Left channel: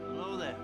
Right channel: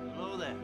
Hello there.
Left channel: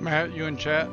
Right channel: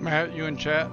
Matt, you in chat?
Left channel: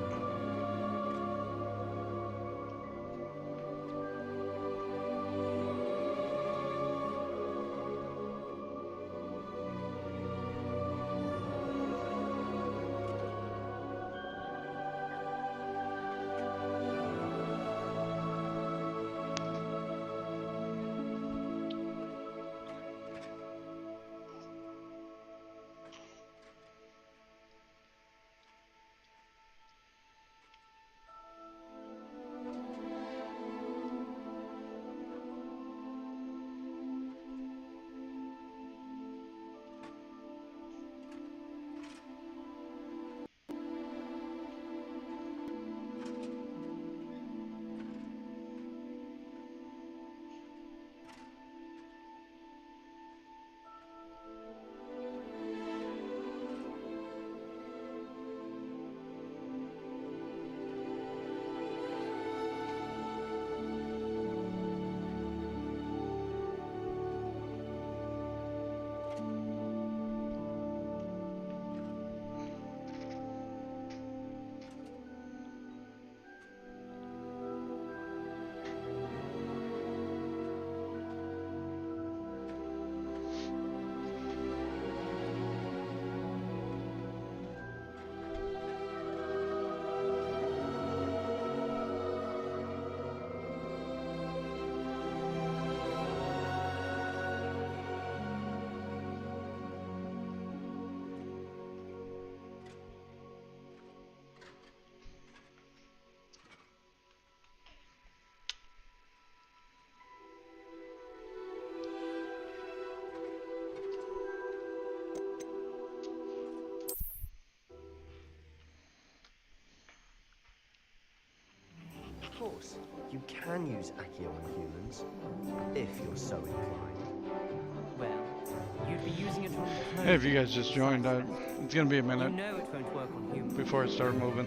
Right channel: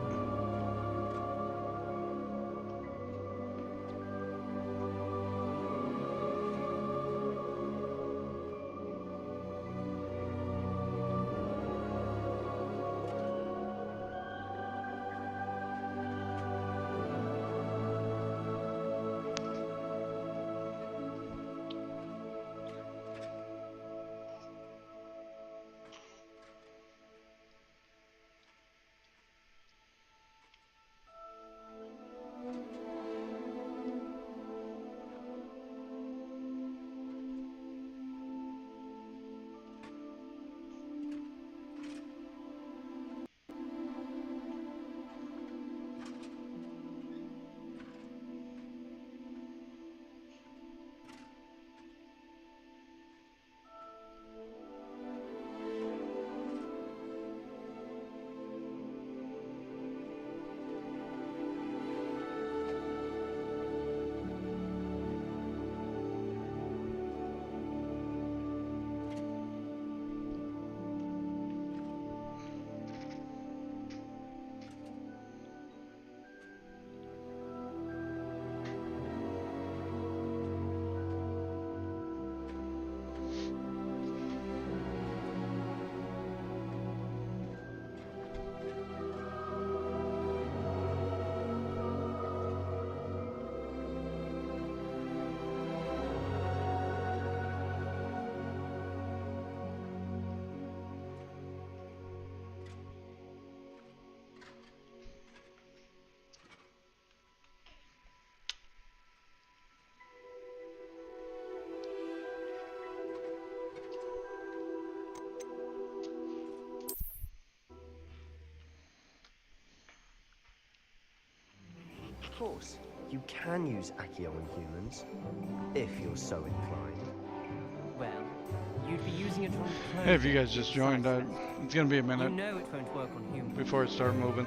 Of course, you can use Accio on humans, if you're so inclined. Well, you'd be using it on Hey, if you guys just joined, it's gonna be a minute You know it won't work on humans. before it starts moving.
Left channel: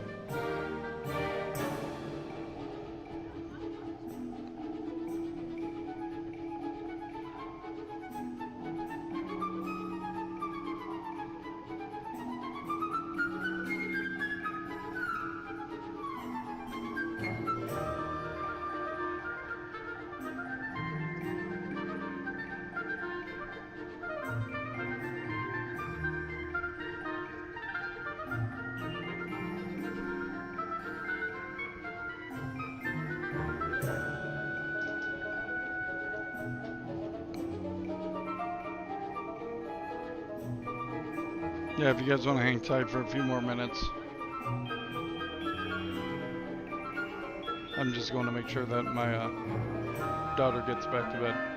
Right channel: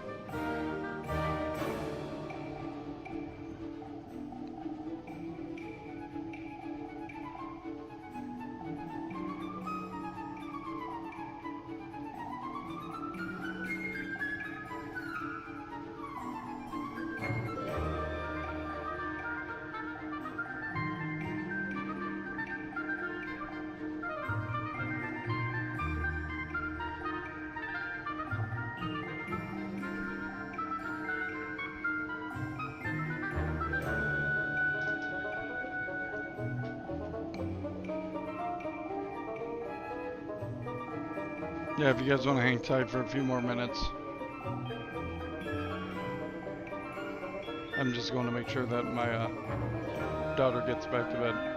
Yeah, if you guys want to hang tight for a few more minutes. I'm just going to make sure that my daughter gets back to bed.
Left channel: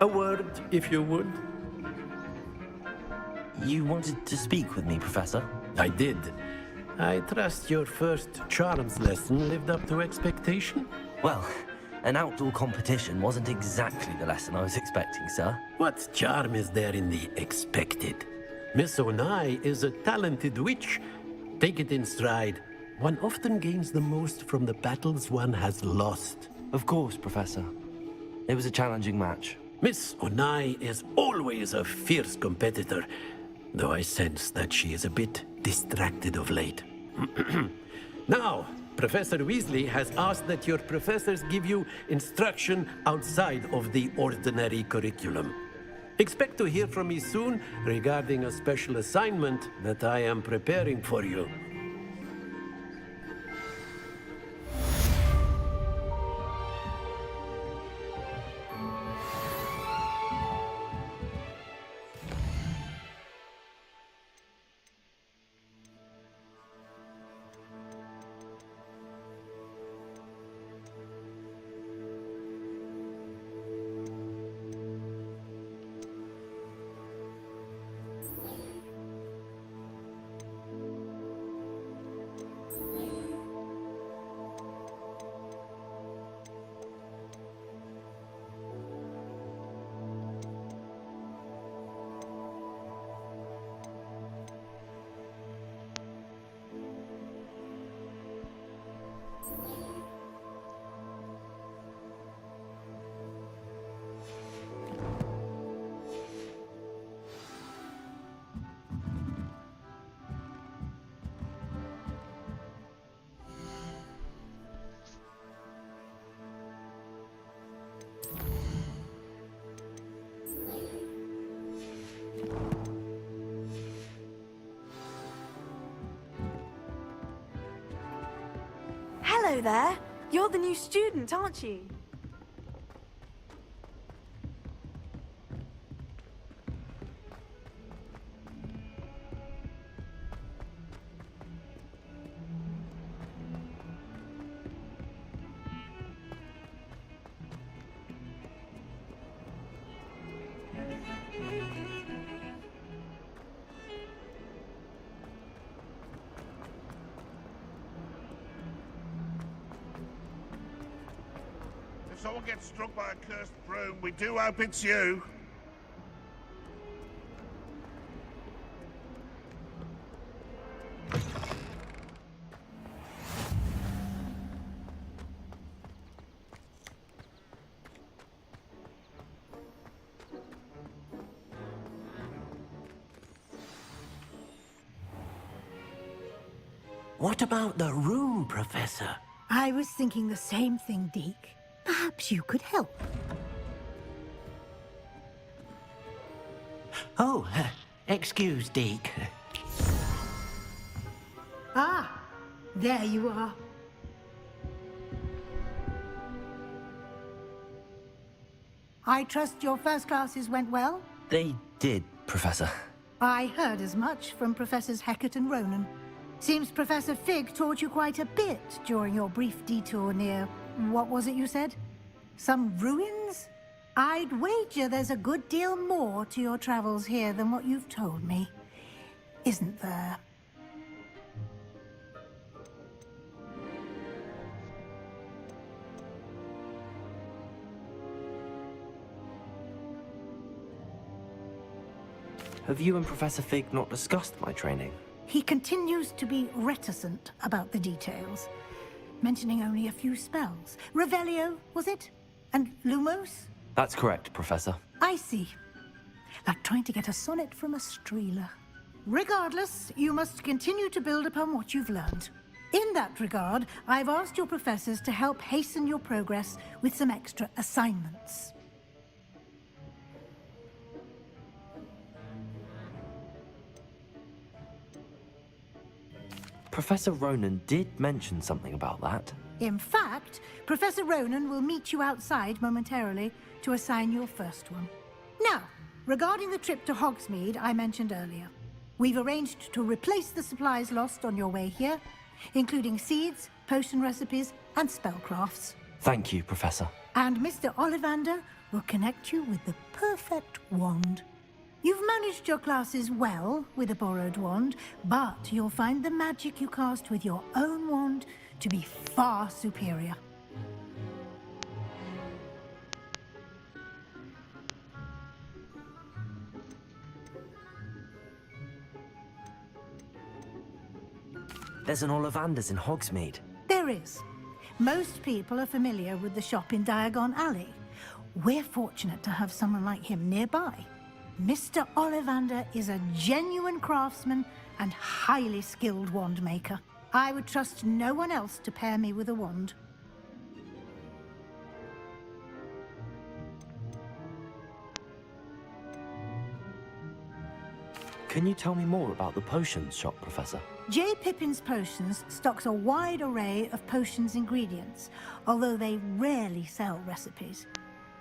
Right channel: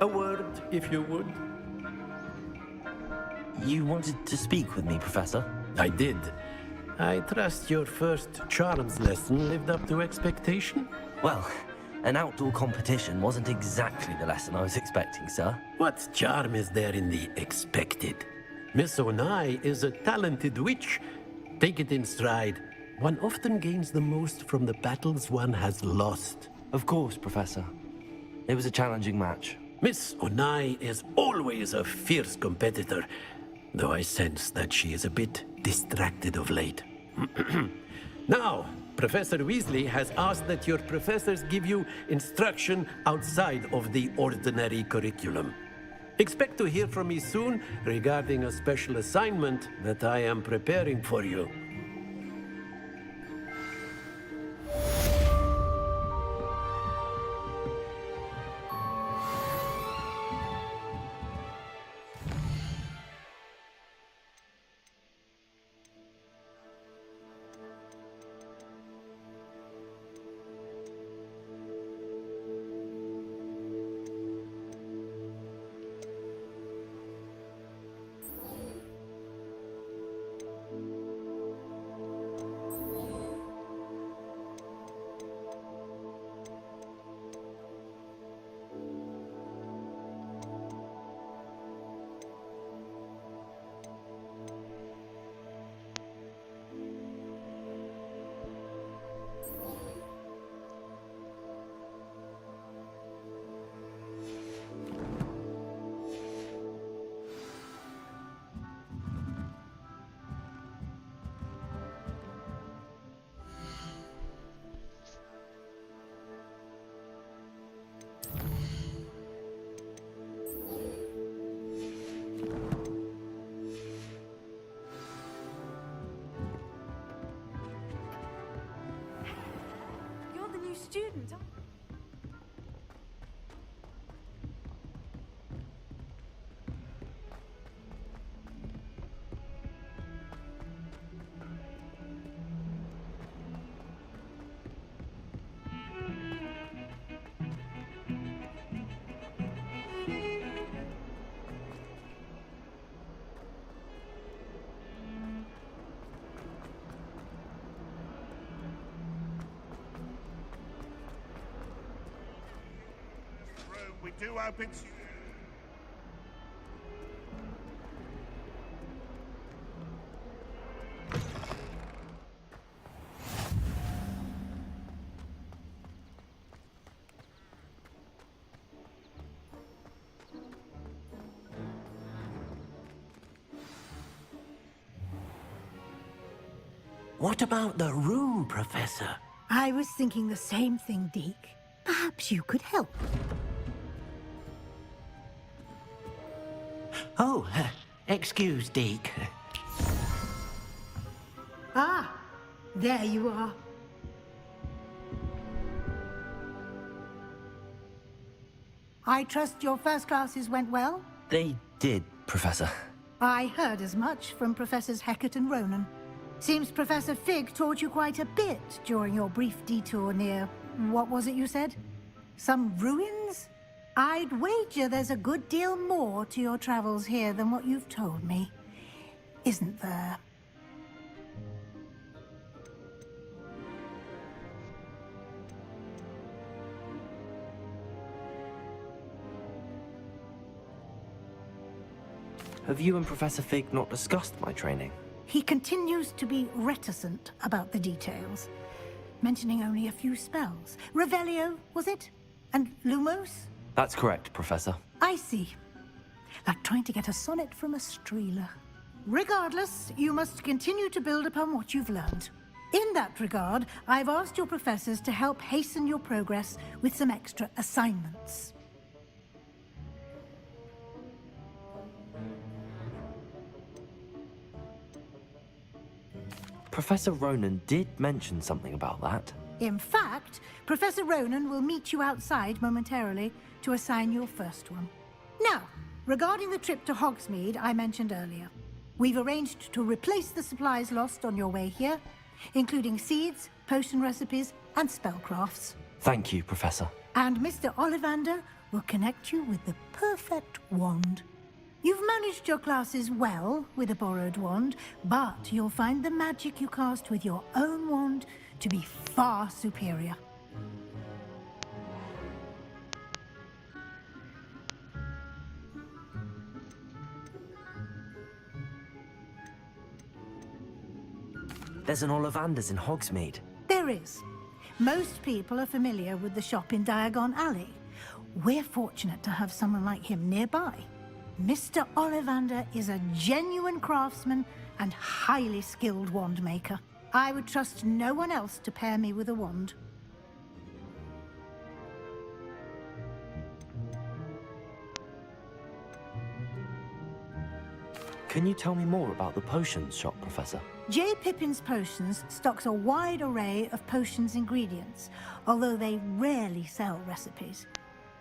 A word, if you would. You wanted to speak with me, Professor? I did. I trust your first charms lesson lived up to expectation? Well, an outdoor competition wasn't exactly the lesson I was expecting, sir. What charm is there in the expected? Miss Onai is a talented witch. Take it in stride. One often gains the most from the battles one has lost. Of course, Professor. It was a challenging match. Miss Onai is always a fierce competitor, though I sense that she is a bit distracted of late. Now, Professor Weasley has asked that your professors give you instruction outside of the ordinary curriculum. Expect to hear from me soon regarding a special assignment that I am preparing for you. Hello there. You're the new student, aren't you? Someone gets struck by a cursed broom, we do hope it's you. What about the room, Professor? I was thinking the same thing, Deke. Perhaps you could help. Oh, excuse, Deke. Ah, there you are. I trust your first classes went well? They did, Professor. I heard as much from Professors Hecat and Ronan. Seems Professor Fig taught you quite a bit during your brief detour near... what was it you said? Some ruins? I'd wager there's a good deal more to your travels here than what you've told me. Isn't there? Have you and Professor Fig not discussed my training? He continues to be reticent about the details, mentioning only a few spells. Revelio, was it? And Lumos? That's correct, Professor. I see. Like trying to get a sonnet from a streeler. Regardless, you must continue to build upon what you've learned. In that regard, I've asked your professors to help hasten your progress with some extra assignments. Professor Ronan did mention something about that. In fact, Professor Ronan will meet you outside momentarily to assign your first one. Now, regarding the trip to Hogsmeade I mentioned earlier, we've arranged to replace the supplies lost on your way here, including seeds, potion recipes, and spellcrafts. Thank you, Professor. And Mr. Ollivander will connect you with the perfect wand. You've managed your classes well with a borrowed wand, but you'll find the magic you cast with your own wand to be far superior. There's an Ollivander's in Hogsmeade. There is. Most people are familiar with the shop in Diagon Alley. We're fortunate to have someone like him nearby. Mr. Ollivander is a genuine craftsman and highly skilled wand maker. I would trust no one else to pair me with a wand. Can you tell me more about the potions shop, Professor? J. Pippin's Potions stocks a wide array of potions ingredients, although they rarely sell recipes.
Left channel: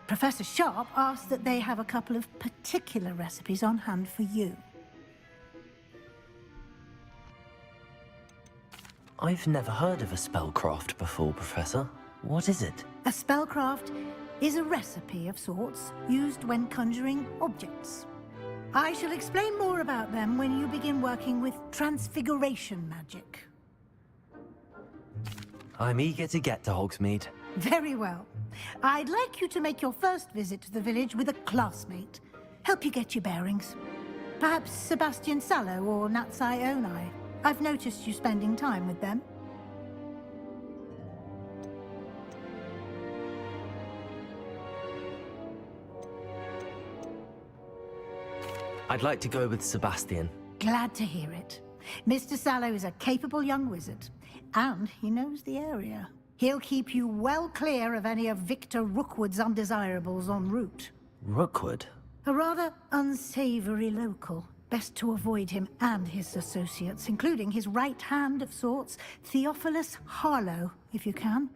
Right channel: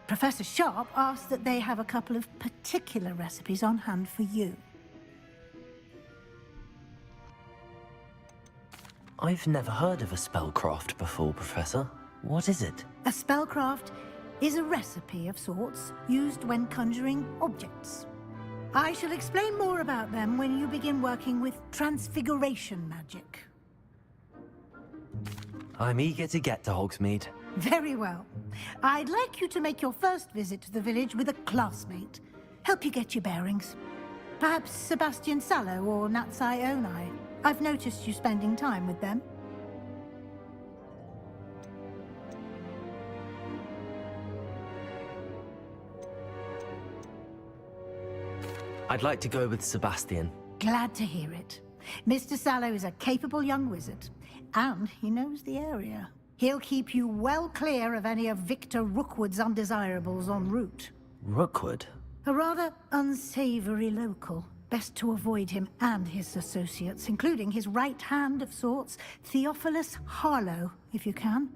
Professor Sharp asked that they have a couple of particular recipes on hand for you. I've never heard of a spellcraft before, Professor. What is it? A spellcraft is a recipe of sorts used when conjuring objects. I shall explain more about them when you begin working with transfiguration magic. I'm eager to get to Hogsmeade. Very well. I'd like you to make your first visit to the village with a classmate. Help you get your bearings. Perhaps Sebastian Sallow or Natsai Onai. I've noticed you spending time with them. I'd like to go with Sebastian. Glad to hear it. Mr. Sallow is a capable young wizard, and he knows the area. He'll keep you well clear of any of Victor Rookwood's undesirables en route. Rookwood? A rather unsavory local. Best to avoid him and his associates, including his right hand of sorts, Theophilus Harlow, if you can.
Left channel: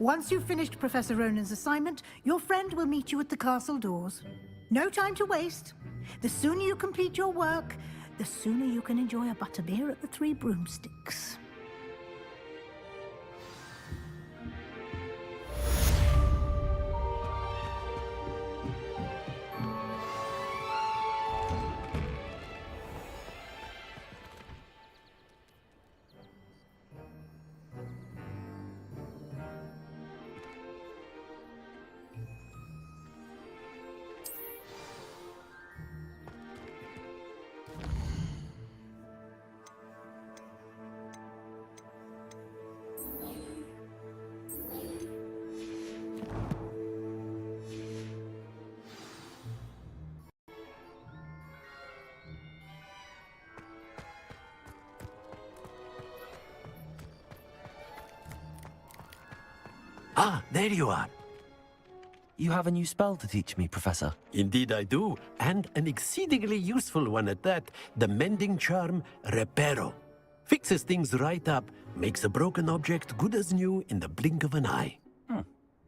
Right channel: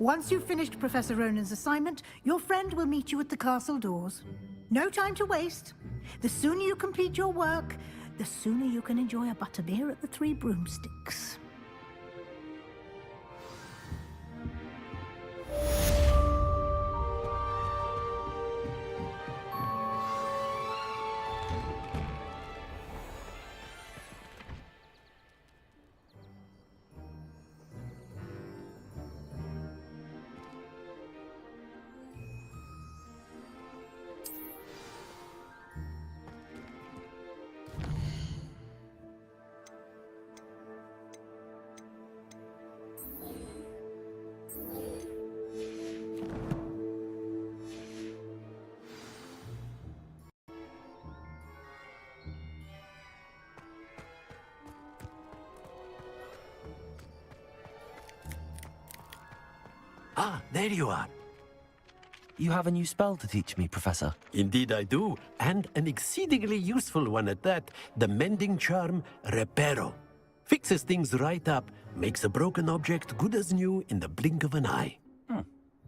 Once you've finished Professor Ronan's assignment, your friend will meet you at the castle doors. No time to waste. The sooner you complete your work, the sooner you can enjoy a butterbeer at the Three Broomsticks. Ah, there you are. You have a new spell to teach me, Professor. Indeed I do, and an exceedingly useful one at that. The mending charm, Reparo. Fixes things right up, makes a broken object good as new in the blink of an eye.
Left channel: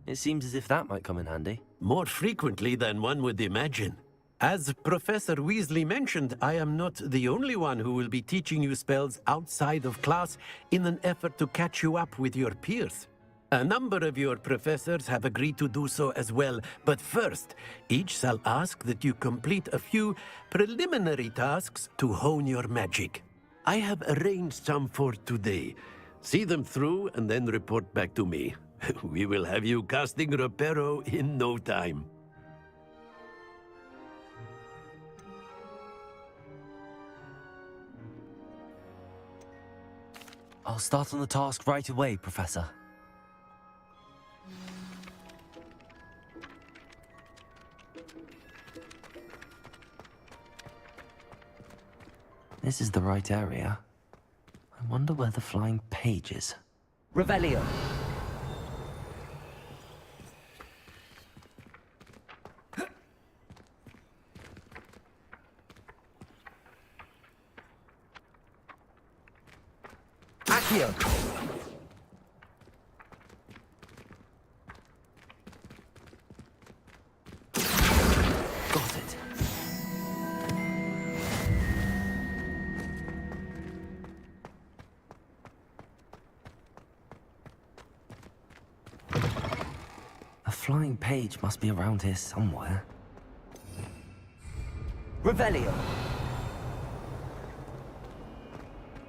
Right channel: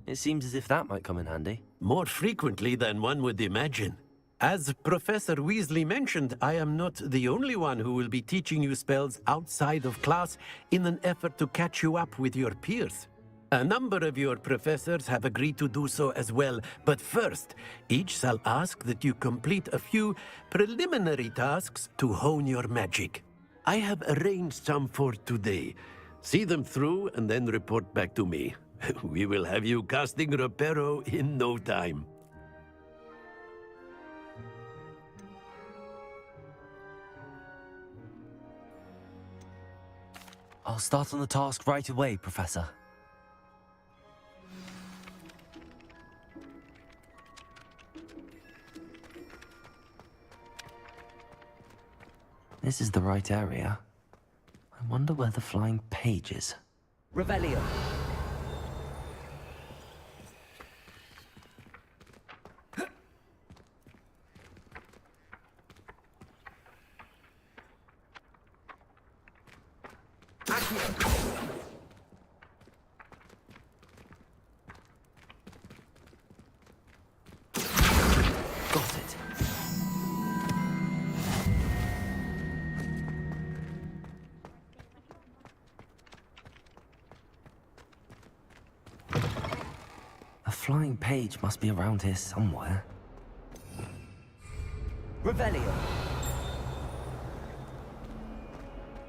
It seems as if that might come in handy. More frequently than one would imagine. As Professor Weasley mentioned, I am not the only one who will be teaching you spells outside of class in an effort to catch you up with your peers. A number of your professors have agreed to do so as well, but first, each shall ask that you complete a few preliminary tasks to hone your magic. I have arranged some for today. See them through and then report back to me. We will have you casting Reparo in no time. I'll start on the task right away, Professor. This is the right area. I wonder where the flying page is. Revelio. Accio. Got it. flying page must be around here somewhere. Revelio.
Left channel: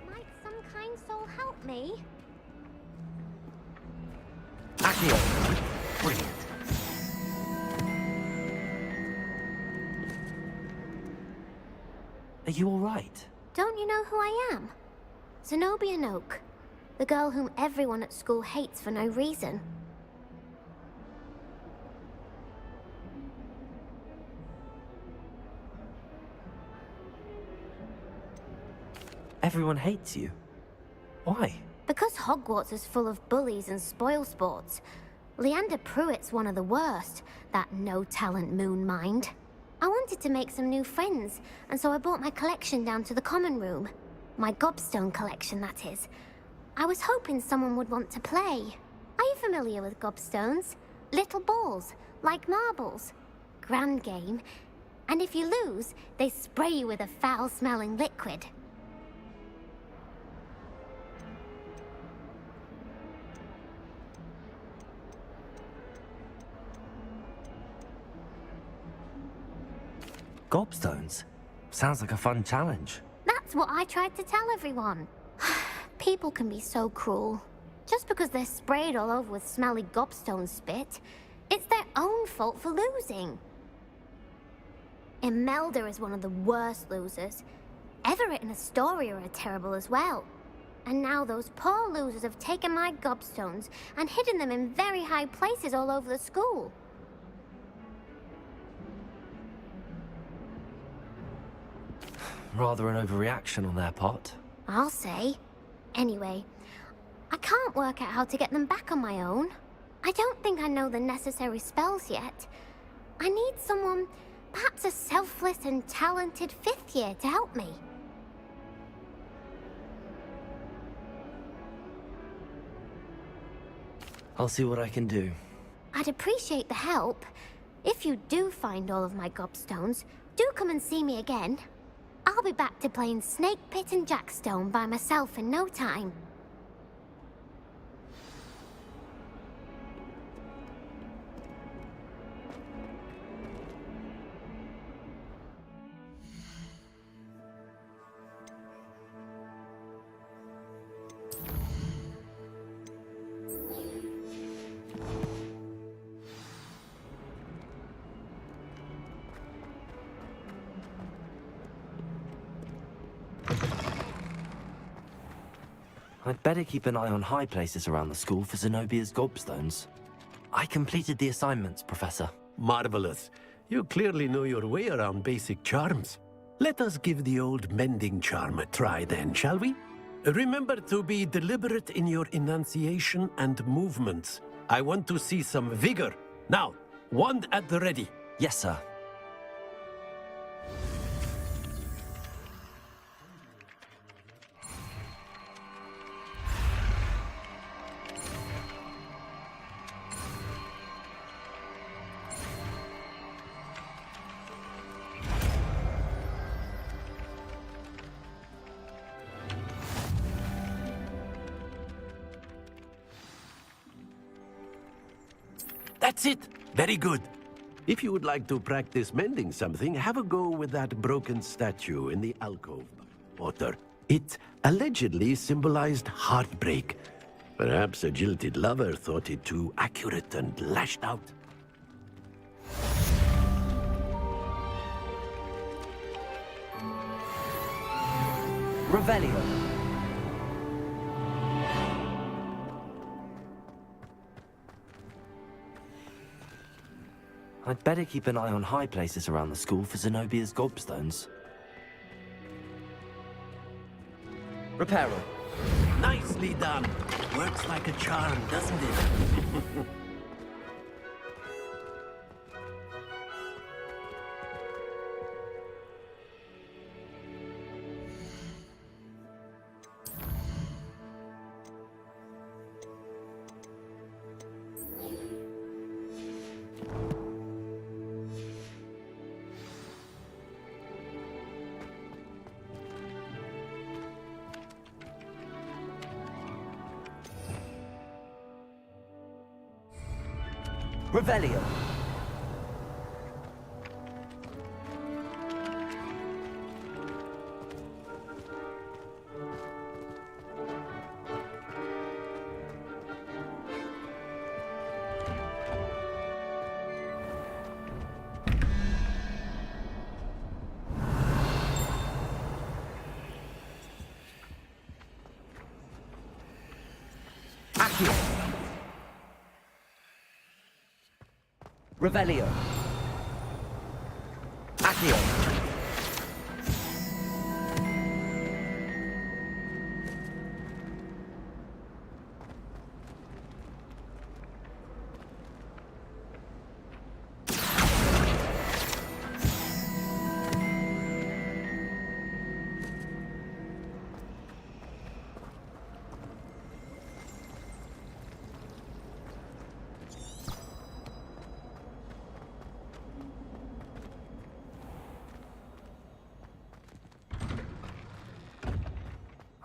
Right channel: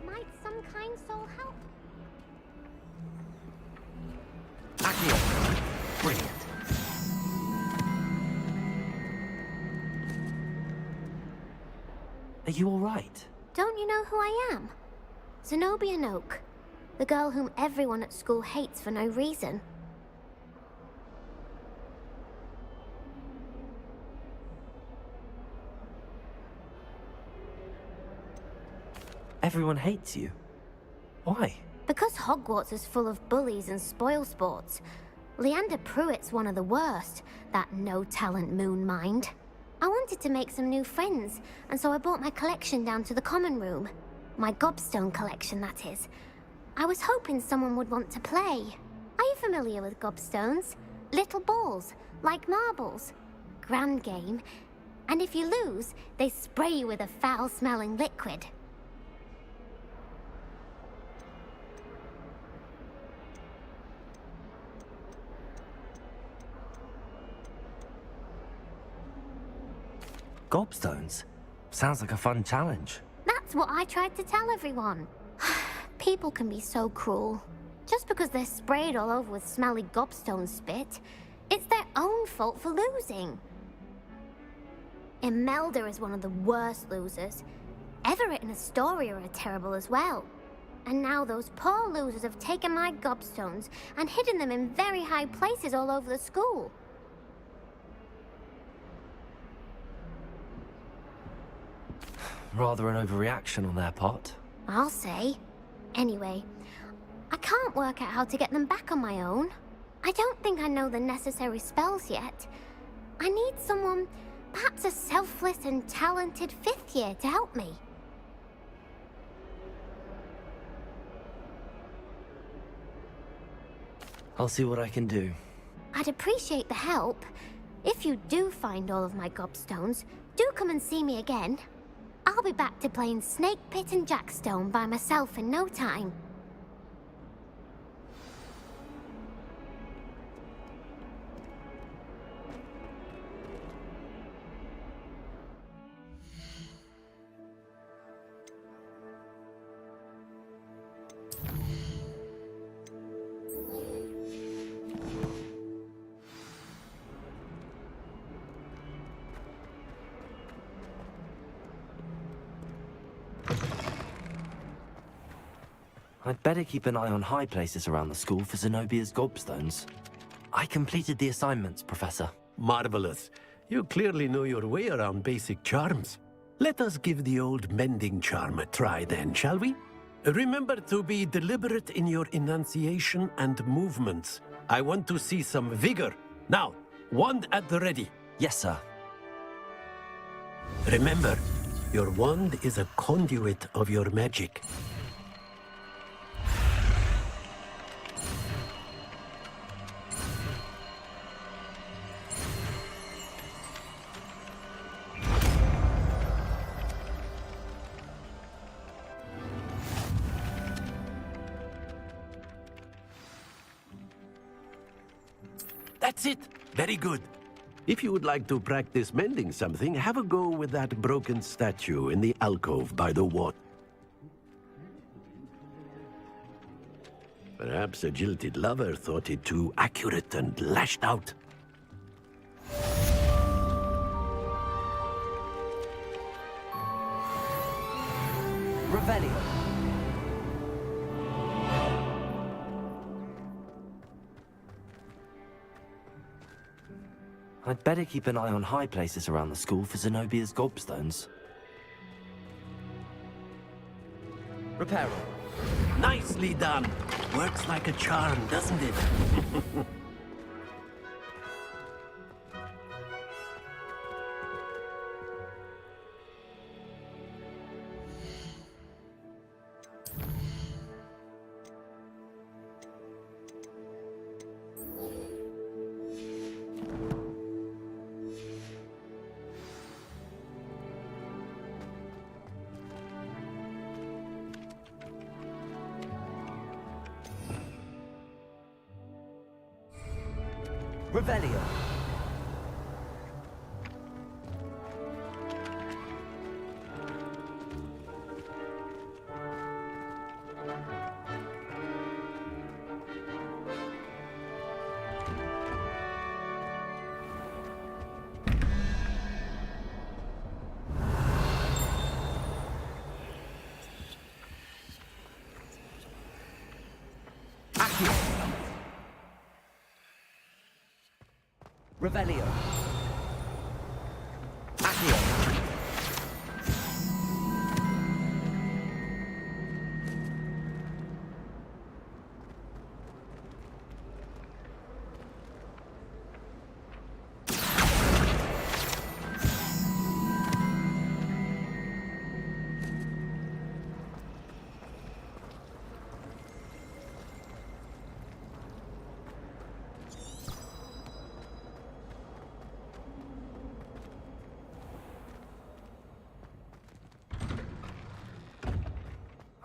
Might some kind soul help me? Accio. Brilliant. Are you all right? Don't you know who I am? Zenobia Noak, the girl whom everyone at school hates for no reason. Everyone hates you. Why? Because Hogwarts is full of bullies and spoilsports. Leander Pruitt's one of the worst, that no-talent moon mind. I wanted to make some new friends, and so I brought my collection down to the common room. My gobstone collection, that is. I was hoping someone would want to play. Are you familiar with gobstones? Little balls, like marbles. Grand game. And if you lose, they spray you with a foul-smelling liquid. Gobstones? Sounds like a fun challenge. That's what I tried to tell everyone. People can be so cruel. Just because they're sprayed all over with smelly gobstone spit, it's their own fault for losing. Imelda is one of the worst losers. Everett and Astoria are terrible as well. And now those poor losers have taken my gobstones and hidden them in very high places all over the school. Rather an overreaction on their part. I'll say. Anyway, I can't work out how to get them back on my own. I don't think I know the necessary spells yet. I need someone, perhaps a selfless and talented fifth year to help me. I'll see what I can do. I'd appreciate the help. If you do find all of my gobstones, do come and see me again. I'll be back to playing Snake Pit and Jackstone by myself in no time. I'd better keep an eye on high places around the school for Zenobia's gobstones. I completed the assignments, Professor. Marvelous. You clearly know your way around basic charms. Let us give the old mending charm a try then, shall we? Remember to be deliberate in your enunciation and movements. I want to see some vigor. Now, wand at the ready. Yes, sir. Remember, your wand is a conduit of your magic. That's it. Very good. If you would like to practice mending something, have a go with that broken statue in the alcove by the water. It allegedly symbolized heartbreak. Perhaps a jilted lover thought it too accurate and lashed out. Revelio. I'd better keep an eye on high places around the school for Zenobia's gobstones. Reparo. Nicely done. Works like a charm, doesn't it? Revelio. Accio. Revelio. Accio.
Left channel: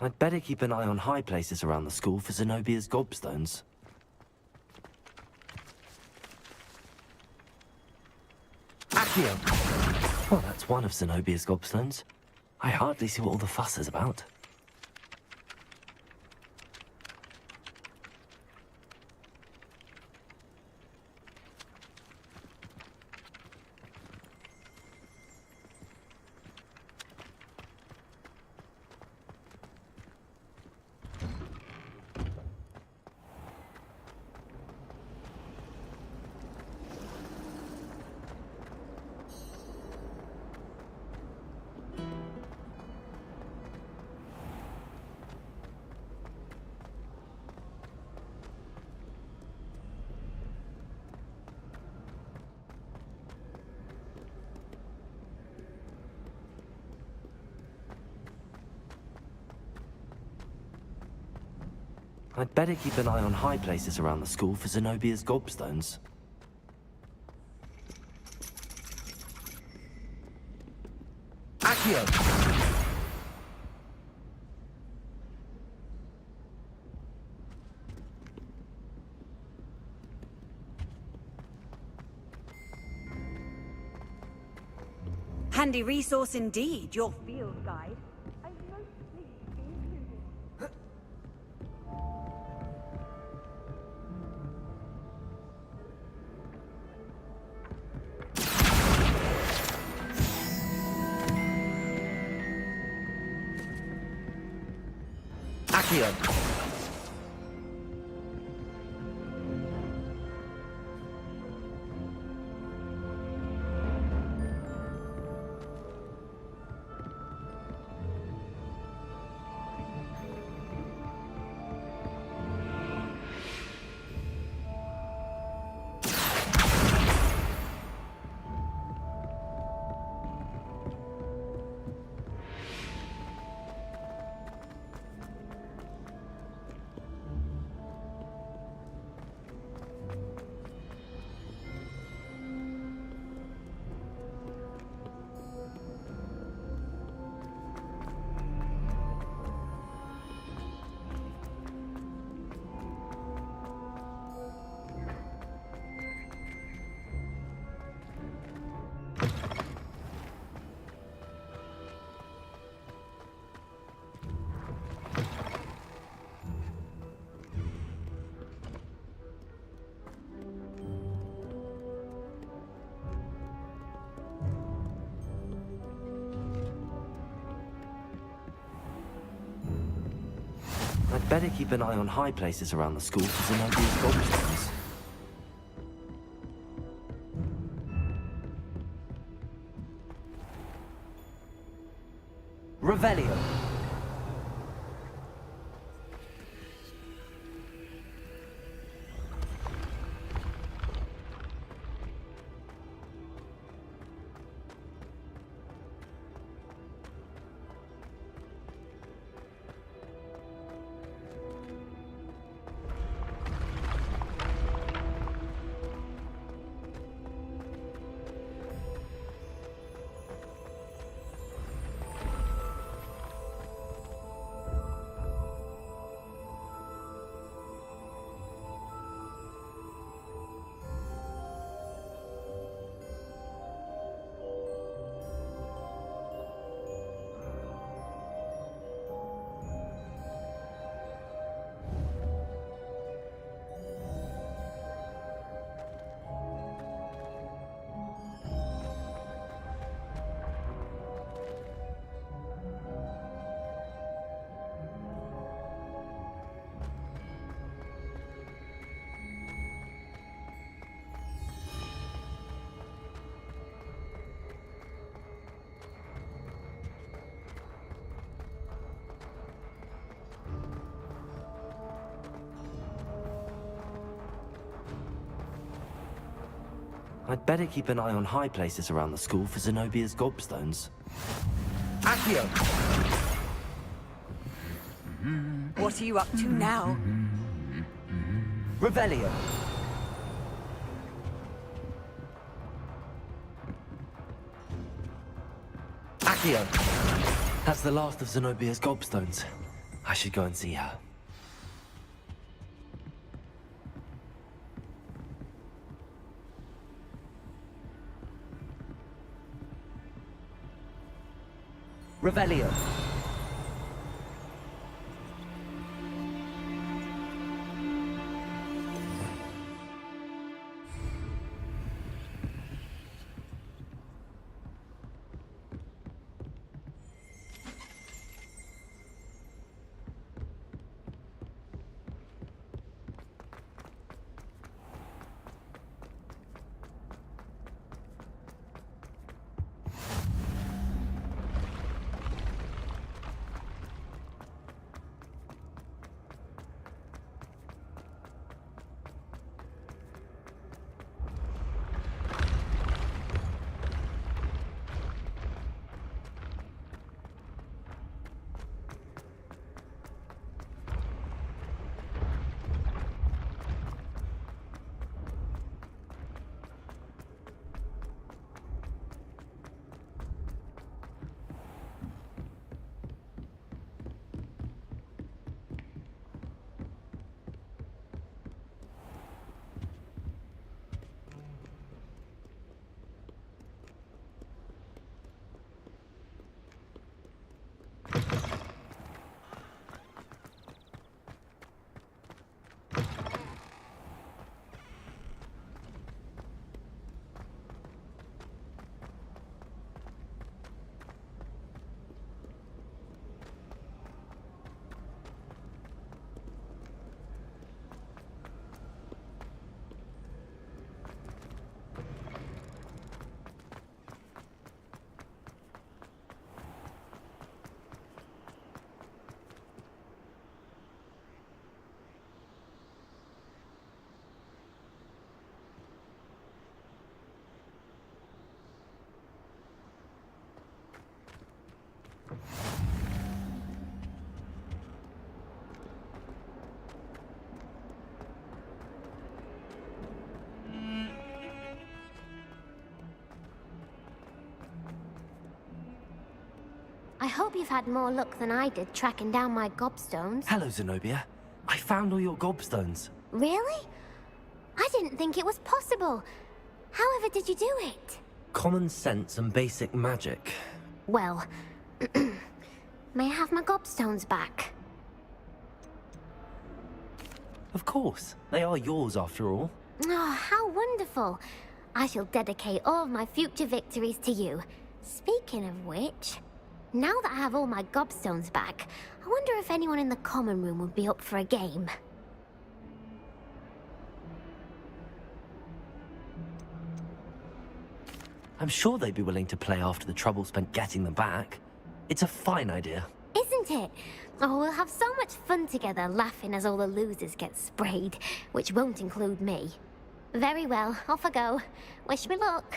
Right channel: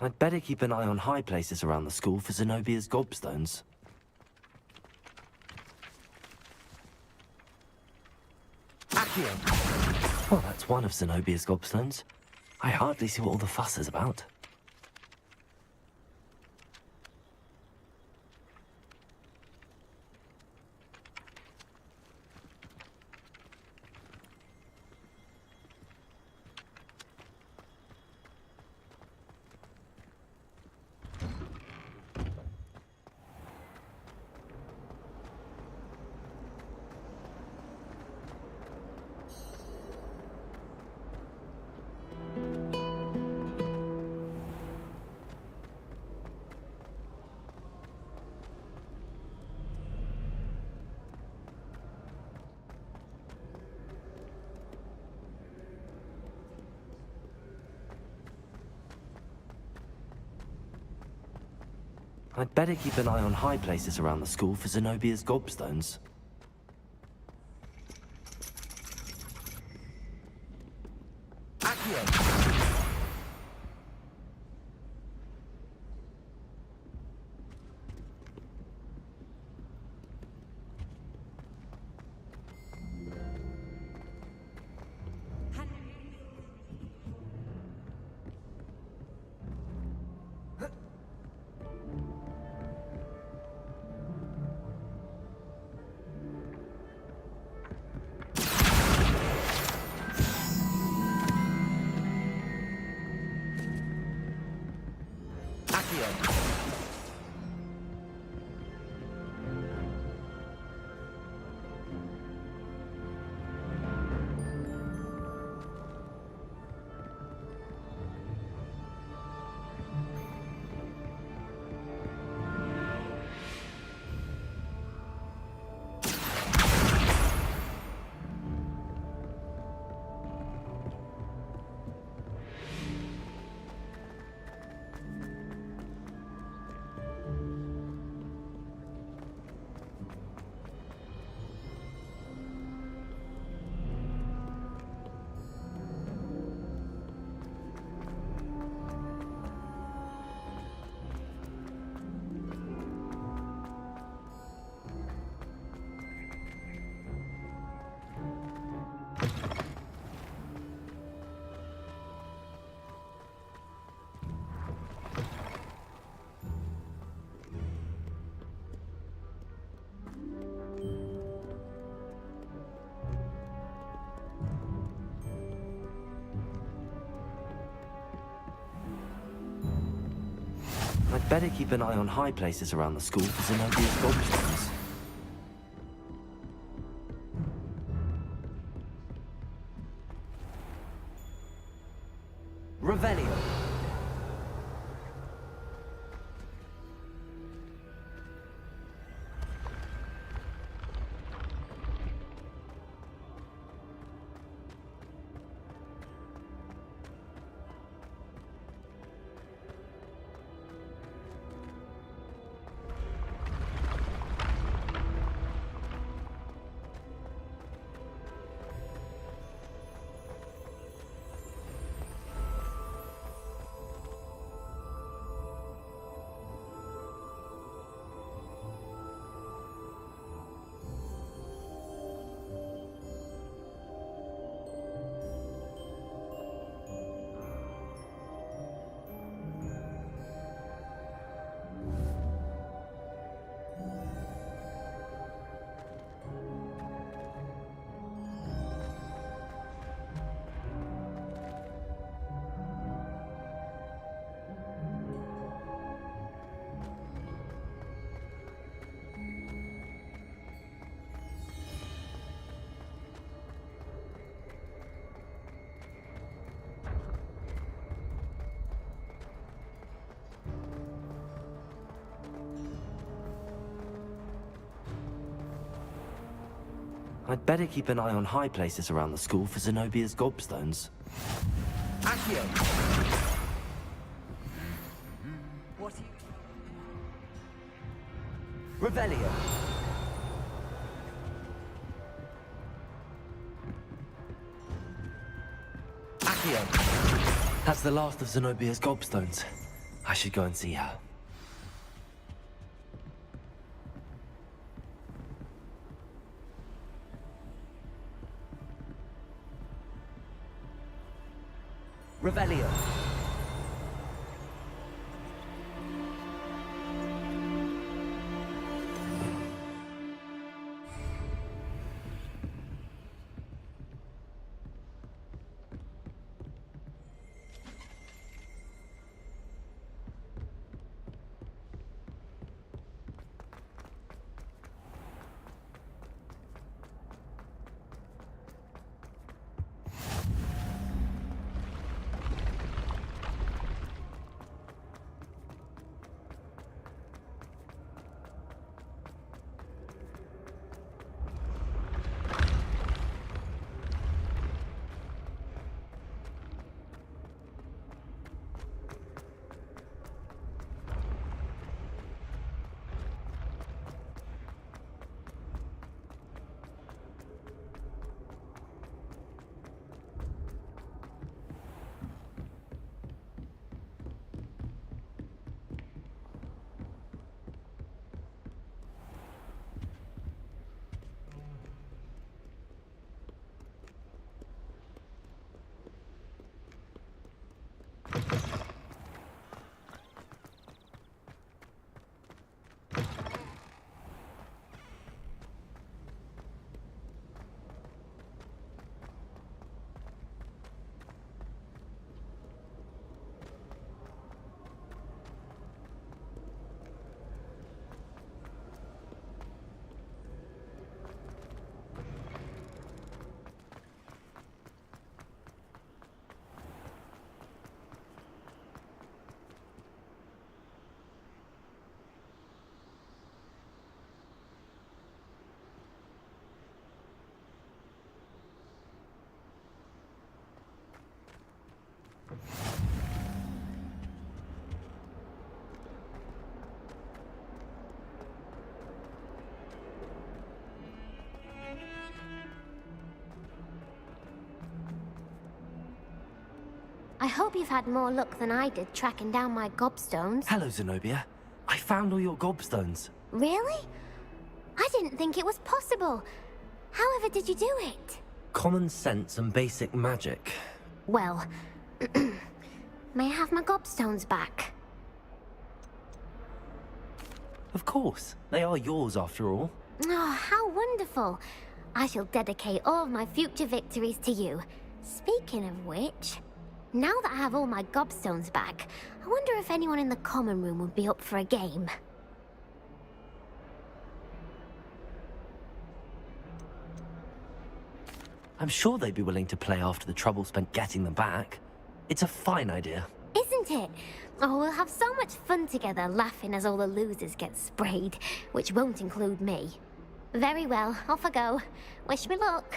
I'd better keep an eye on high places around the school for Zenobia's gobstones. Accio! Well, that's one of Zenobia's gobstones. I hardly see what all the fuss is about. I'd better keep an eye on high places around the school for Zenobia's gobstones. Accio! Handy resource indeed, your field guide. Accio! I'd better keep an eye on high places around the school for Zenobia's gobstones. Revelio. I'd better keep an eye on high places around the school for Zenobia's gobstones. Accio! What are you up to now? Revelio! Accio! That's the last of Zenobia's gobstones. I should go and see her. Revelio. I hope you've had more luck than I did tracking down my gobstones. Hello, Zenobia. I found all your gobstones. Really? I didn't think it was possible. However did you do it? Common sense and basic magic. Well, may I have my gobstones back? Of course. They are yours after all. Oh, how wonderful. I shall dedicate all of my future victories to you. Speaking of which, now that I have all my gobstones back, I wonder if anyone in the common room would be up for a game. I'm sure they'd be willing to play after the trouble spent getting them back. It's a fine idea. Isn't it? Oh, we'll have so much fun together, laughing as all the losers get sprayed, which won't include me. Very well, off I go. Wish me luck.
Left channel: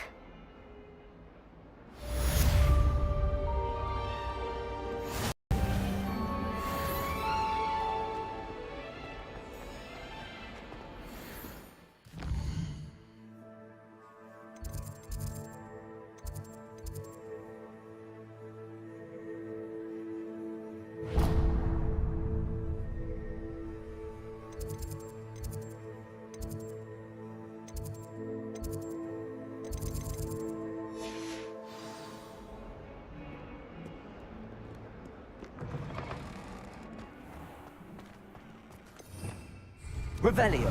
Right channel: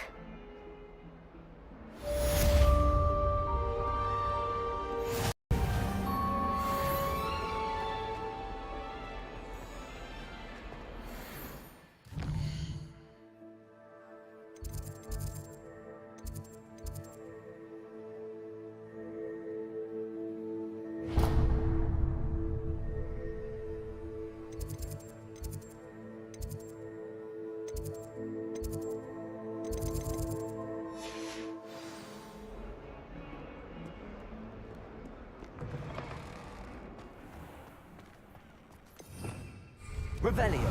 Revelio.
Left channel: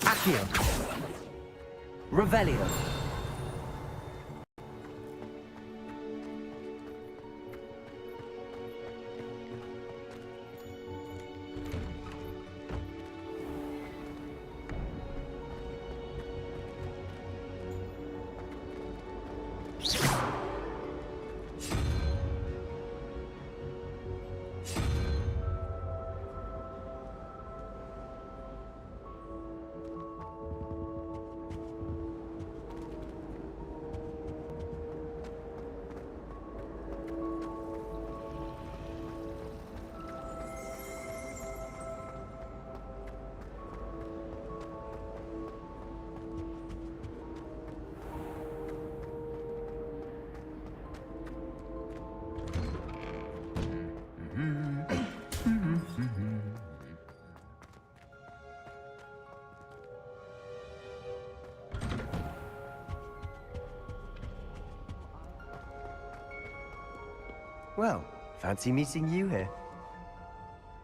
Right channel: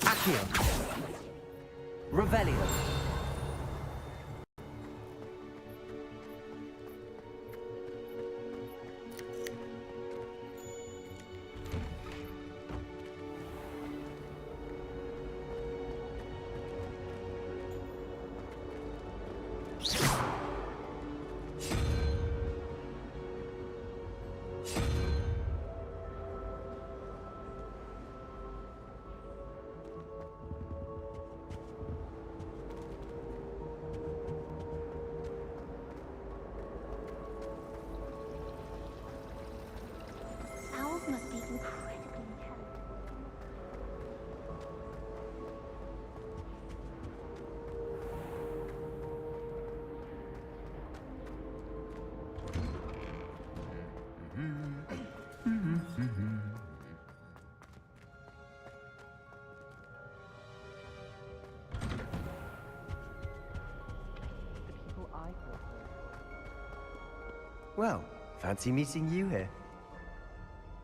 Accio. Revelio. Well, fancy meeting you here.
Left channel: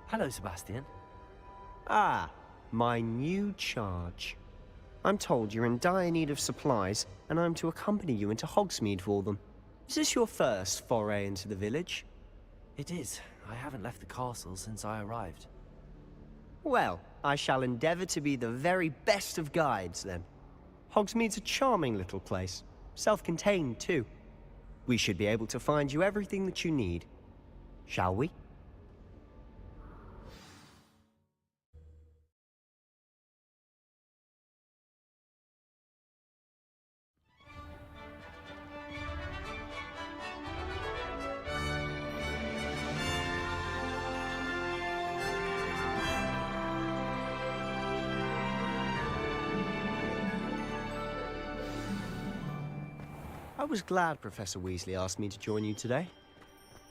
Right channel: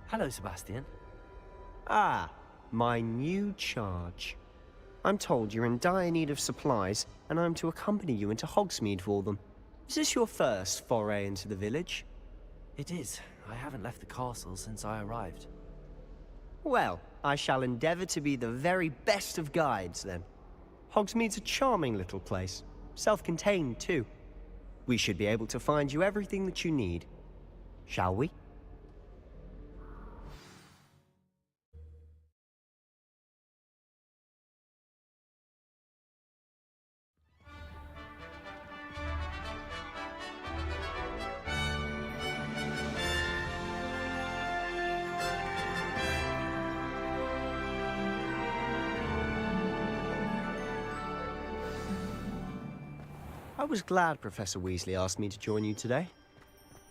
Hello, Sebastian. Ah, my new charge. I'm told you're in dire need of supplies, and I'm to accompany you into Hogsmeade for them. Is this your first foray into the village? It is. I haven't left the castle since I arrived. Well, I shall endeavour to be the very best of guides, then. Hogsmeade's a charming little place. Self-contained, too. We should be able to find you everything that you need. Shall we? I was glad Professor Weasley asked me to join you today.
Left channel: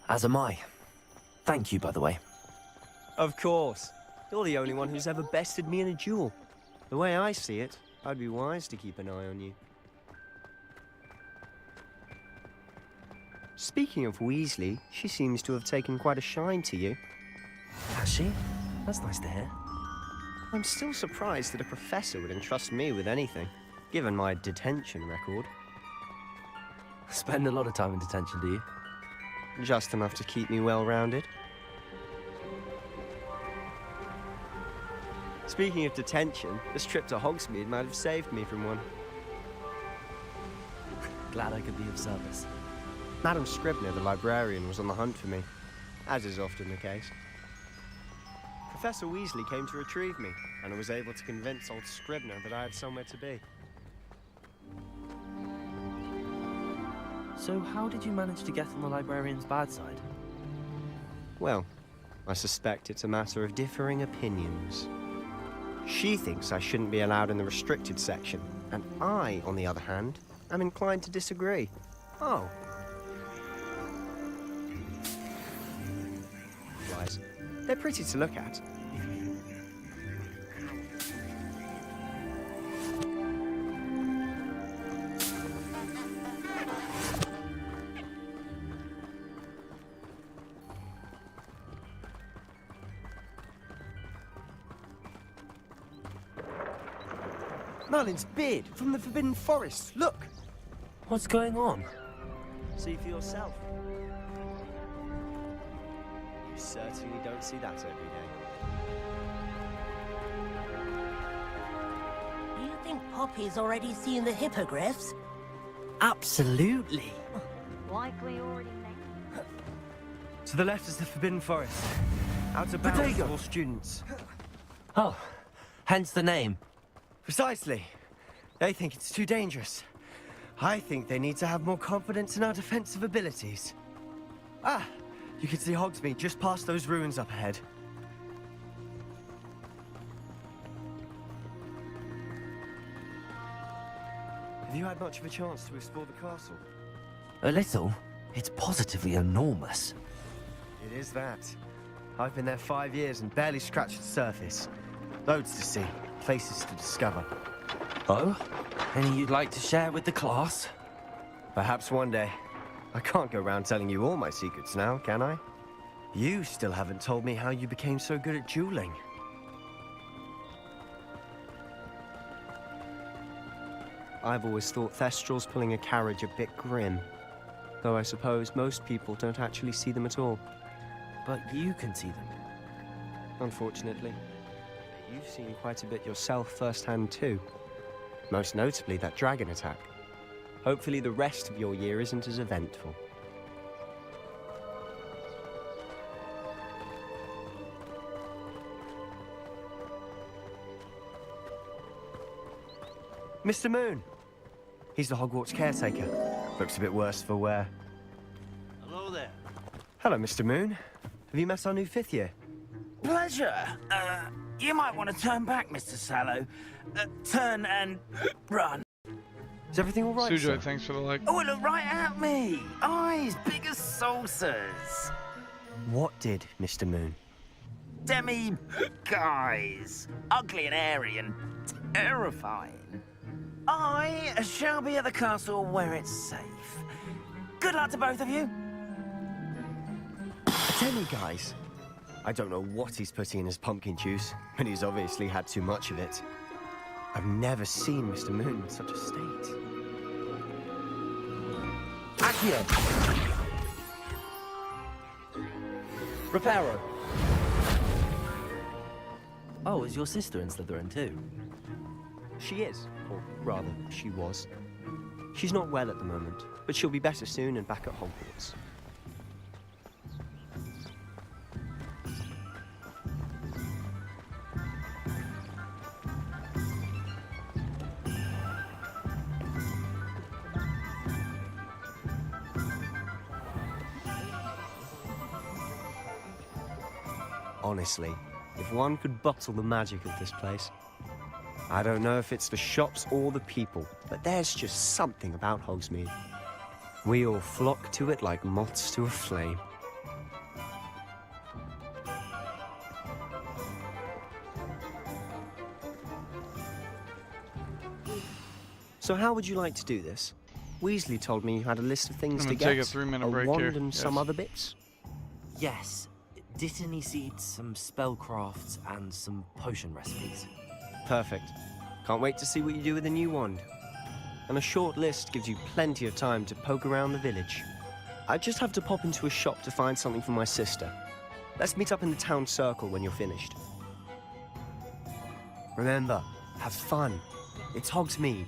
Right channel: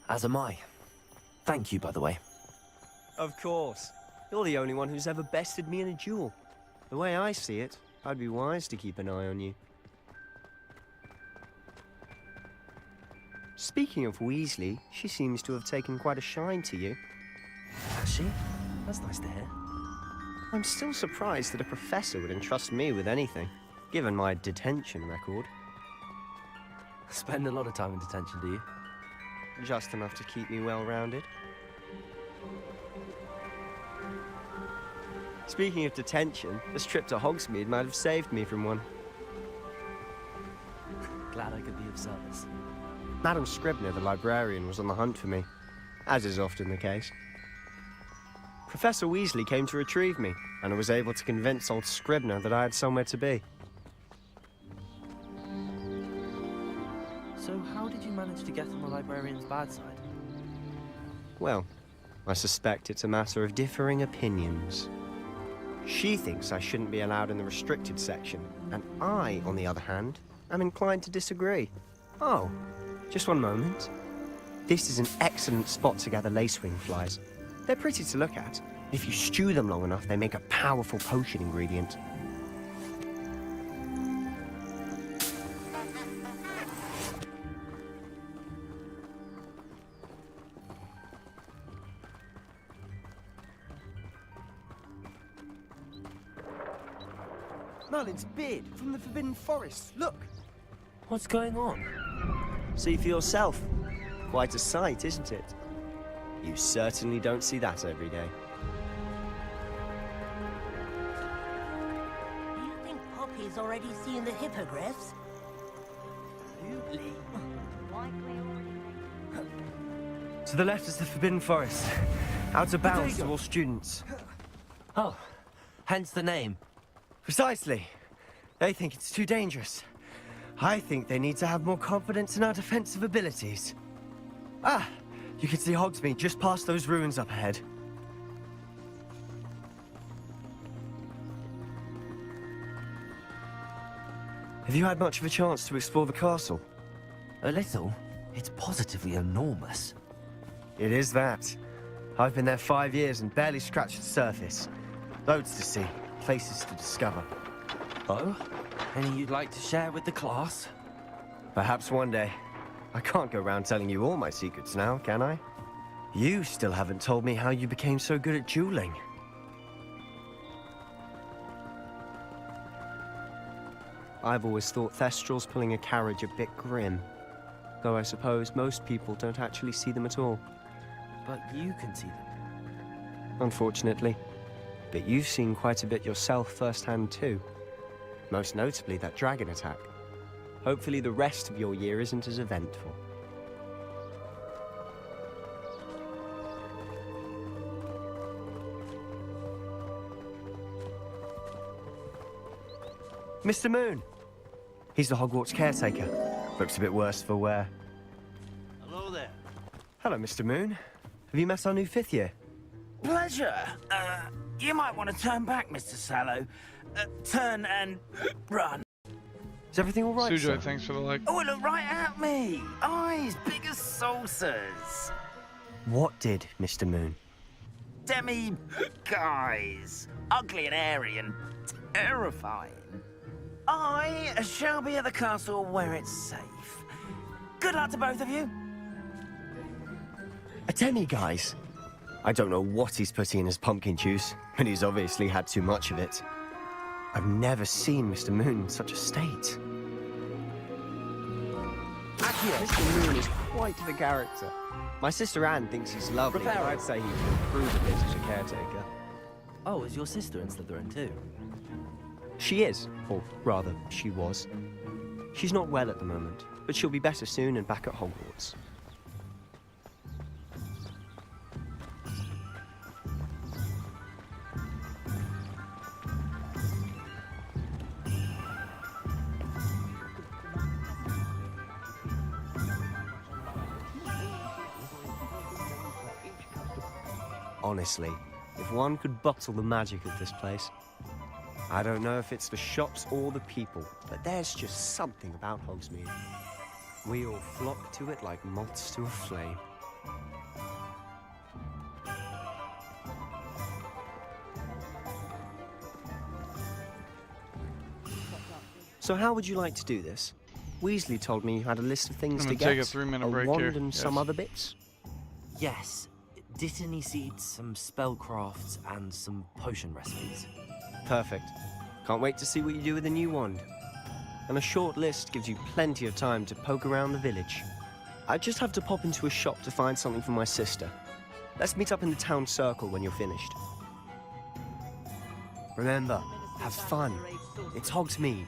As am I. Thank you, by the way. Of course. You're the only one who's ever bested me in a duel. The way I see it, I'd be wise to keep an eye on you. Speaking of Weasley, she seems to have taken quite a shine to you. Has she? That's nice to hear. I'm still surprised that a professor would entrust me with anything, given my detention record. Spend a lot of time in detention, do you? Just enough to keep me well-rounded. Speaking of detention, this trip to Hogsmeade might have saved me from one. Glad I could be of service. Madam Scribner, the librarian, was on the hunt for me, as is often the case. Professor Weasley came to retrieve me, and I was able to convince old Scribner that I had somewhere to be. So how did you manage to get on the librarian's bad side? Well, I suspect it's a matter of differing opinions. She thinks I shouldn't be allowed in the restricted section, and I, on the other hand, am inclined to disagree. Oh, just one moment. This is an excellent spot to gather lacewing flies. They're pretty to look at. If you stew them long enough, they make a powerful potion ingredient. Merlin's beard from the Forbidden Forest. Look! What's going on? See for yourself. Quite a sight, isn't it? You certainly don't see that every day. Do you think Poppy's already seen the hippogriffs? Absolutely. Likely already made. To the left is the Forbidden Forest. Out of bounds Bodega. to all students. Oh, hence the name. Precisely. They think it's too dangerous. I think they need to have more confidence in our defensive abilities. Ah, you can see Hogsmeade just past those ruins up ahead. Have you had much of a chance to explore the castle? A little. It's positively enormous. It is that. I've been there 5 years and barely scratched the surface. Loads to see, places to discover. Oh? Any you'd like to share with the class? Perhaps one day. I can't go around telling you all my secrets now, can I? You still haven't told me how you became so good at dueling. I've always thought Thestrals pulling a carriage a bit grim. Though I suppose most people don't actually see them at all. But you can see them. Unfortunately. But you've seen quite a bit yourself firsthand too. Most notably that dragon attack. Hopefully the rest of your year isn't as eventful. Mr. Moon! He's the Hogwarts caretaker. Looks a bit worse for wear. Hello there. Hello, Mr. Moon. Have you met our new 5th year? Pleasure. You might want to turn back, Mr. Sallow. Turn and run. Is everything all right, sir? Sujoy, thanks for the like. Oh, look right at me. Eyes big as saucers. What did, Mr. Moon? Demi guys. Ugly and airy and terrifying. I shall be at the castle where it's safe. Good luck to both of you. Semi-guys. I don't know what he's putting in his pumpkin juice, but he's obviously had too much of it. I've never seen Mr. Moon in such a state. Accio is quite the character. My sister Anne thinks he's lovely. Reparo. I'd say he's such a caretaker. Oh, is your sister in Slytherin too? She is, or rather, she was. She's not well at the moment, but she'll be better soon and back at Hogwarts. Honestly, if one could bottle the magic of this place. I don't know if it's the shops or the people, but there's just something about Hogsmeade. We all flock to it like moths to a flame. So how would you like to do this? Weasley told me you had a list of things I'm to gonna get. take a 3-minute a break wand here. and some Yes. other bits. Yes. Dittany seeds, some spellcrafts, and some potion recipes. Perfect. Can't wait to see what you do with the new wand. And a short list gives you plenty of time to poke around the village. I just have to pop into a shop to find something for my sister. Let's meet up in the town circle when you're finished. Remember, have fun. It's Hogsmeade.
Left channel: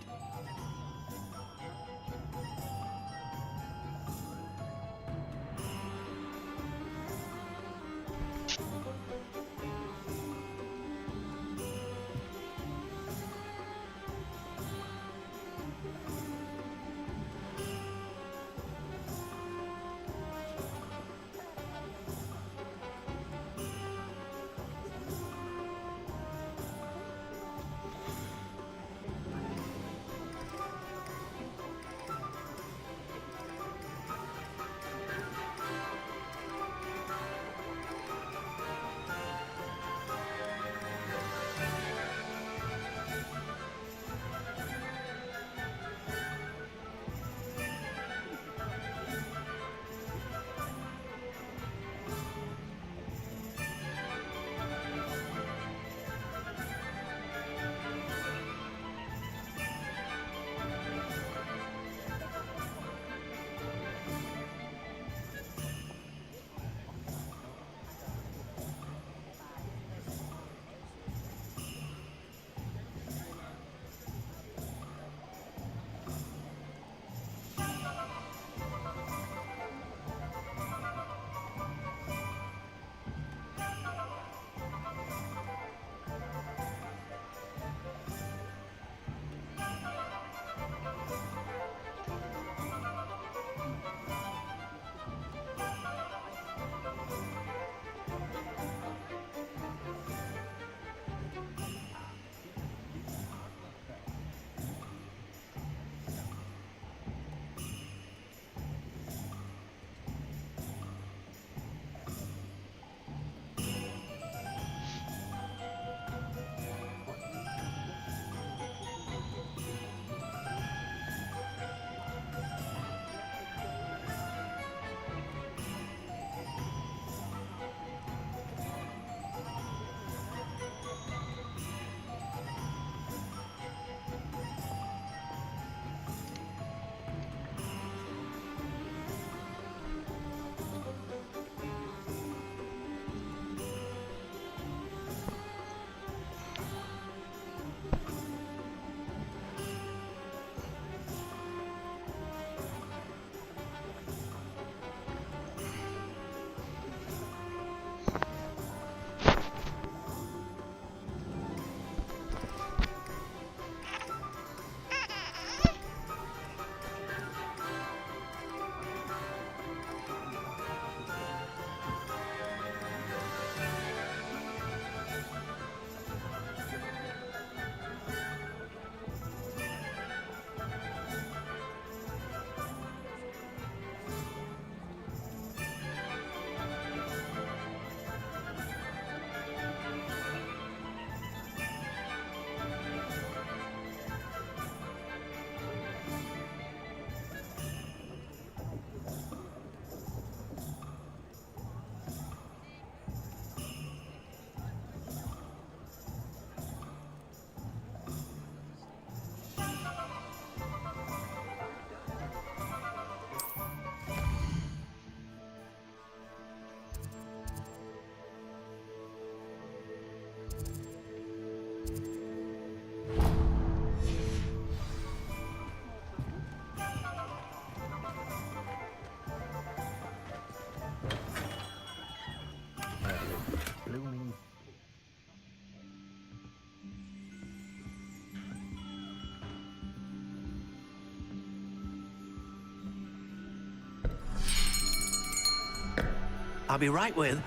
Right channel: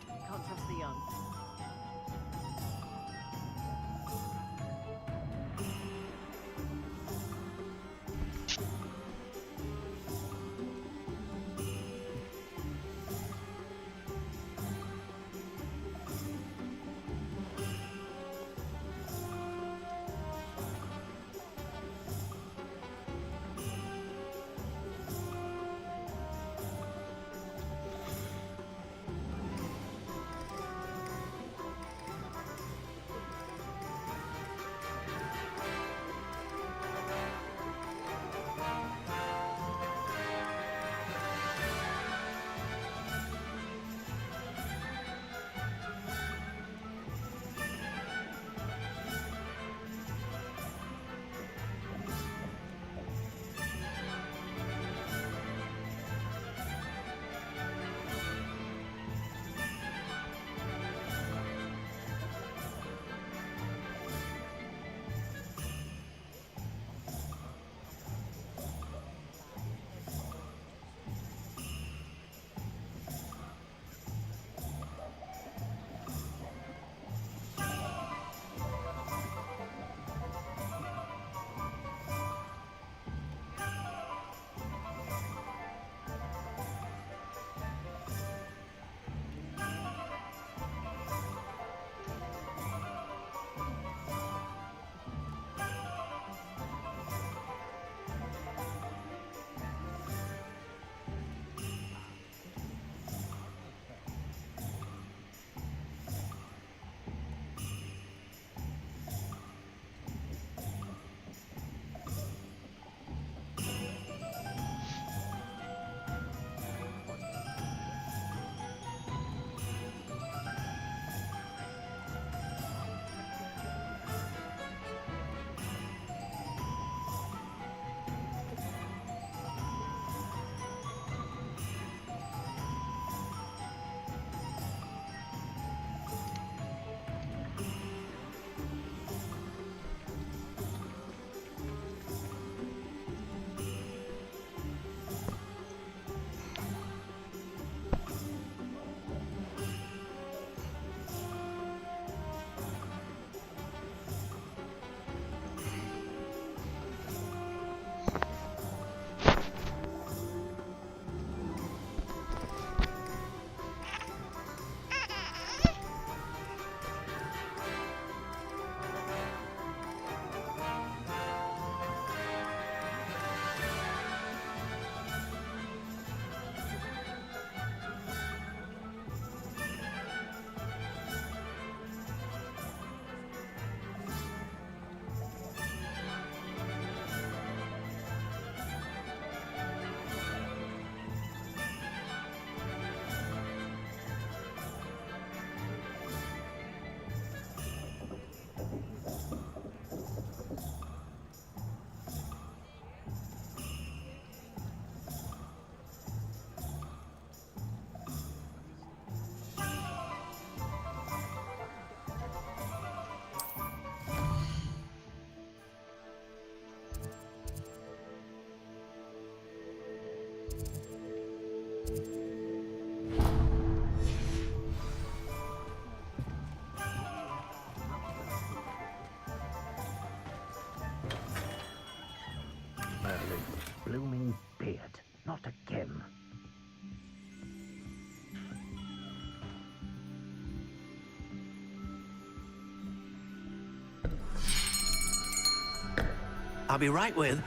I'll be right with...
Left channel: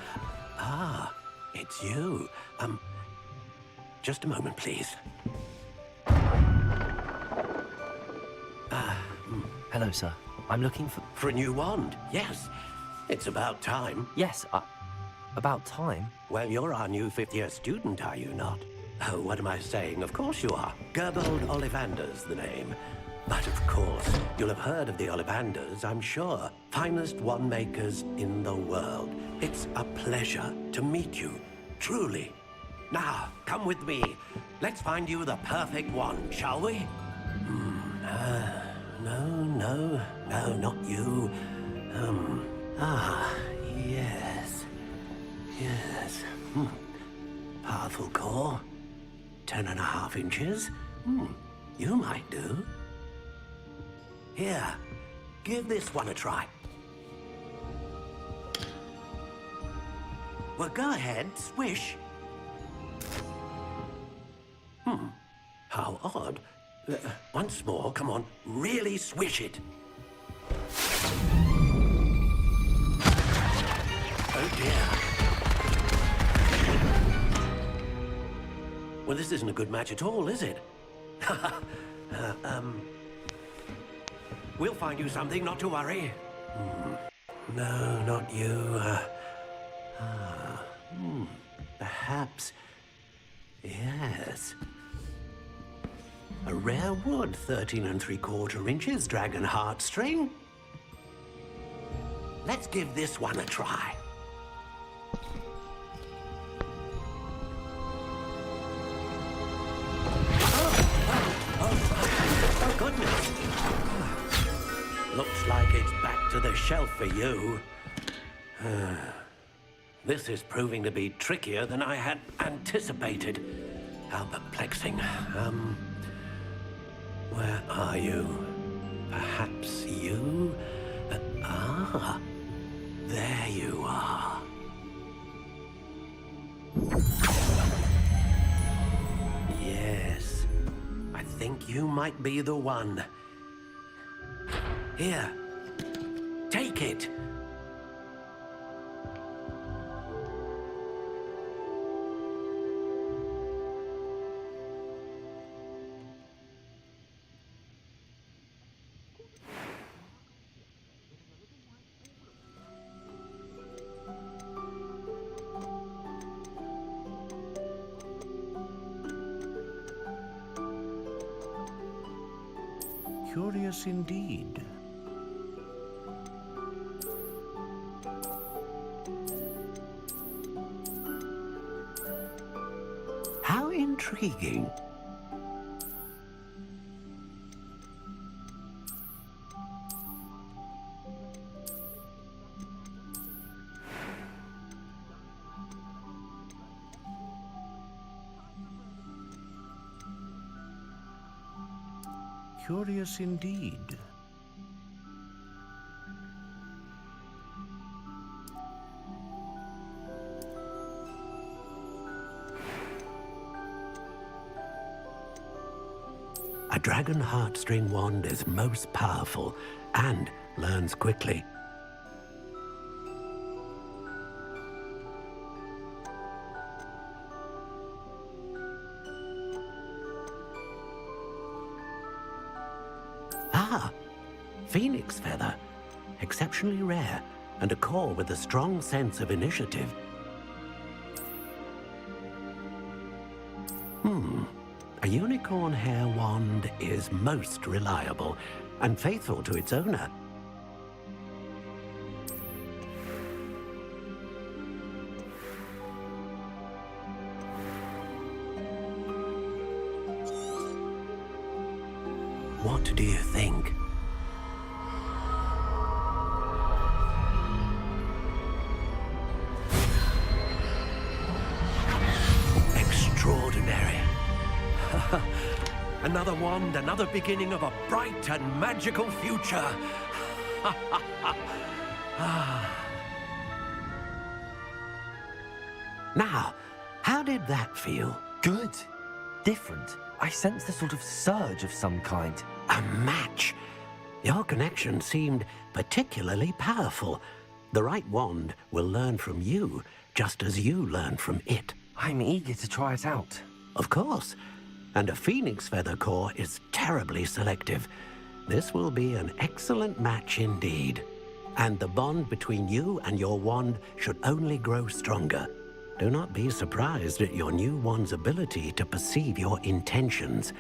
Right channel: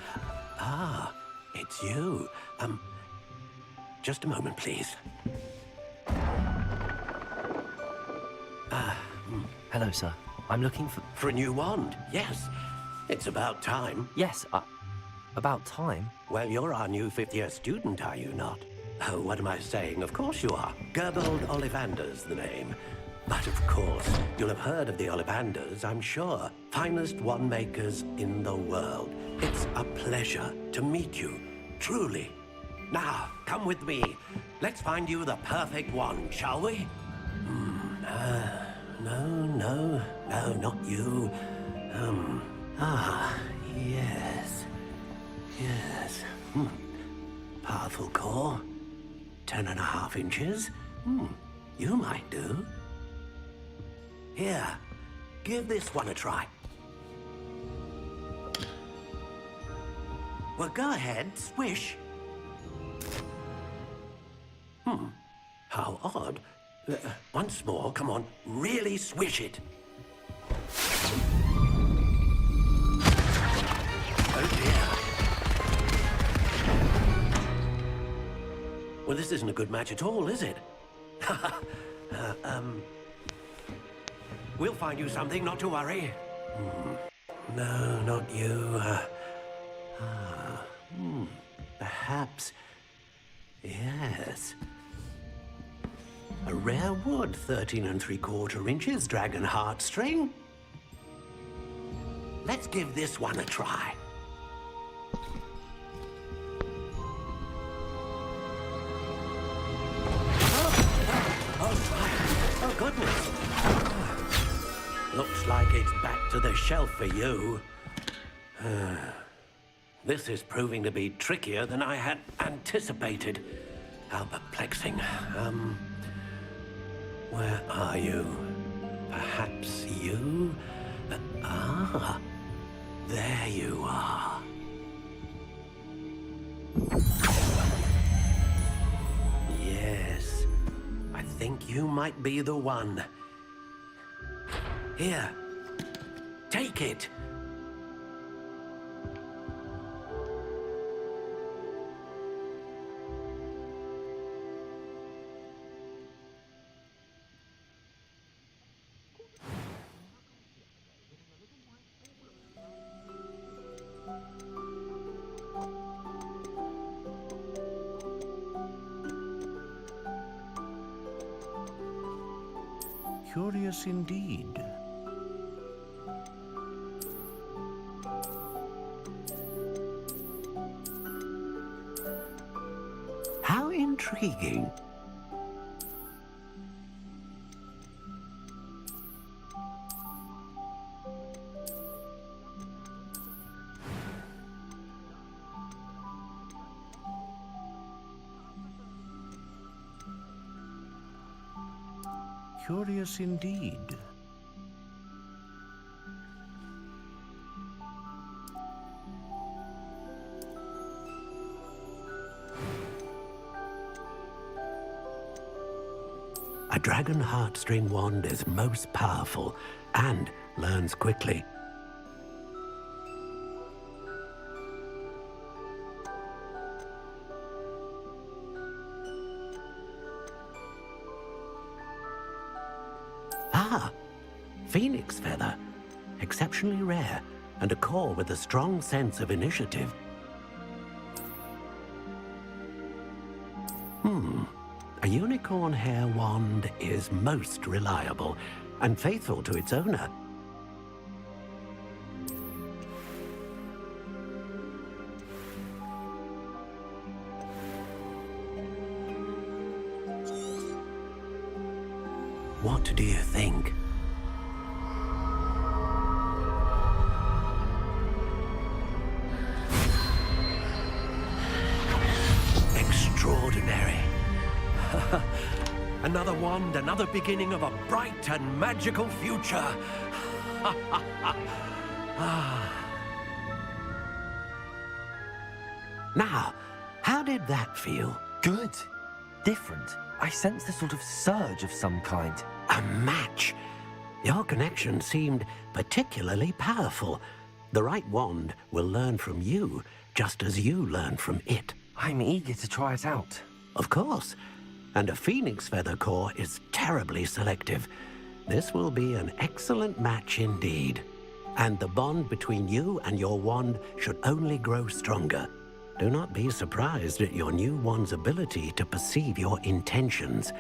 Ah, it's you. Just a moment, please. Hello, sir. I'm looking for... For a new wand, yes. It's about time. Yes, about time? Well, you're our new fifth-year student, are you not? Oh, what am I saying? Of course you are. Gerbold Ollivander's the name. But of course, you'll have heard of the Ollivanders, I'm sure. Finest wand makers in the world. It's a pleasure to meet you, truly. Now, come with me. Let's find you the perfect wand, shall we? No, not you. Yes. Yes. Powerful core. 10.5 inches. You might do. Here, give this one a try. Well, go ahead, swish. How odd. Once more, come on, really swish it. Oh dear. Well, this isn't a good match at all, is it? We'll find you something, not to worry. No, not you. Perhaps... Yes. A rare wood, 13 3/4 inches, dragon heartstring. Let's give this one a try. Oh, goodness. Looks like it's back to the shelf for you. This is proving to be trickier than I had anticipated. How perplexing. Where are you? Perhaps you? There you are. Yes, I think you might be the one. Here, take it. Curious indeed. How intriguing. Curious indeed. A dragon heartstring wand is most powerful and learns quickly. Phoenix feather, exceptionally rare, and a core with a strong sense of initiative. A unicorn hair wand is most reliable and faithful to its owner. What do you think? Extraordinary. Another wand, another beginning of a bright and magical future. Now, how did that feel? Good. Different. I sensed a sort of surge of some kind. A match. Your connection seemed particularly powerful. The right wand will learn from you, just as you learn from it. I'm eager to try it out. Of course. And a phoenix feather core is terribly selective. This will be an excellent match indeed. And the bond between you and your wand should only grow stronger. Do not be surprised at your new wand's ability to perceive your intentions,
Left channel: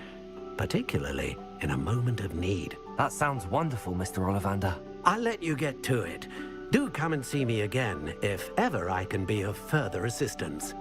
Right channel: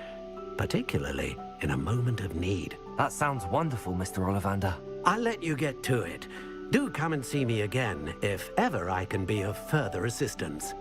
particularly in a moment of need. That sounds wonderful, Mr. Ollivander. I'll let you get to it. Do come and see me again if ever I can be of further assistance.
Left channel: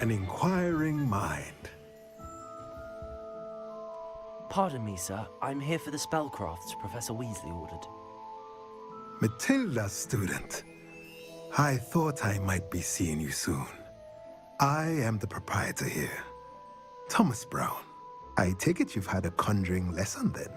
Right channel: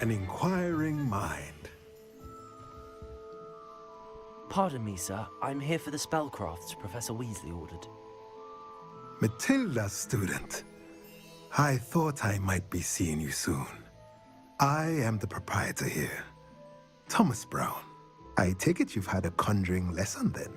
an inquiring mind. Pardon me, sir. I'm here for the spellcrafts Professor Weasley ordered. Matilda, student. I thought I might be seeing you soon. I am the proprietor here, Thomas Brown. I take it you've had a conjuring lesson then?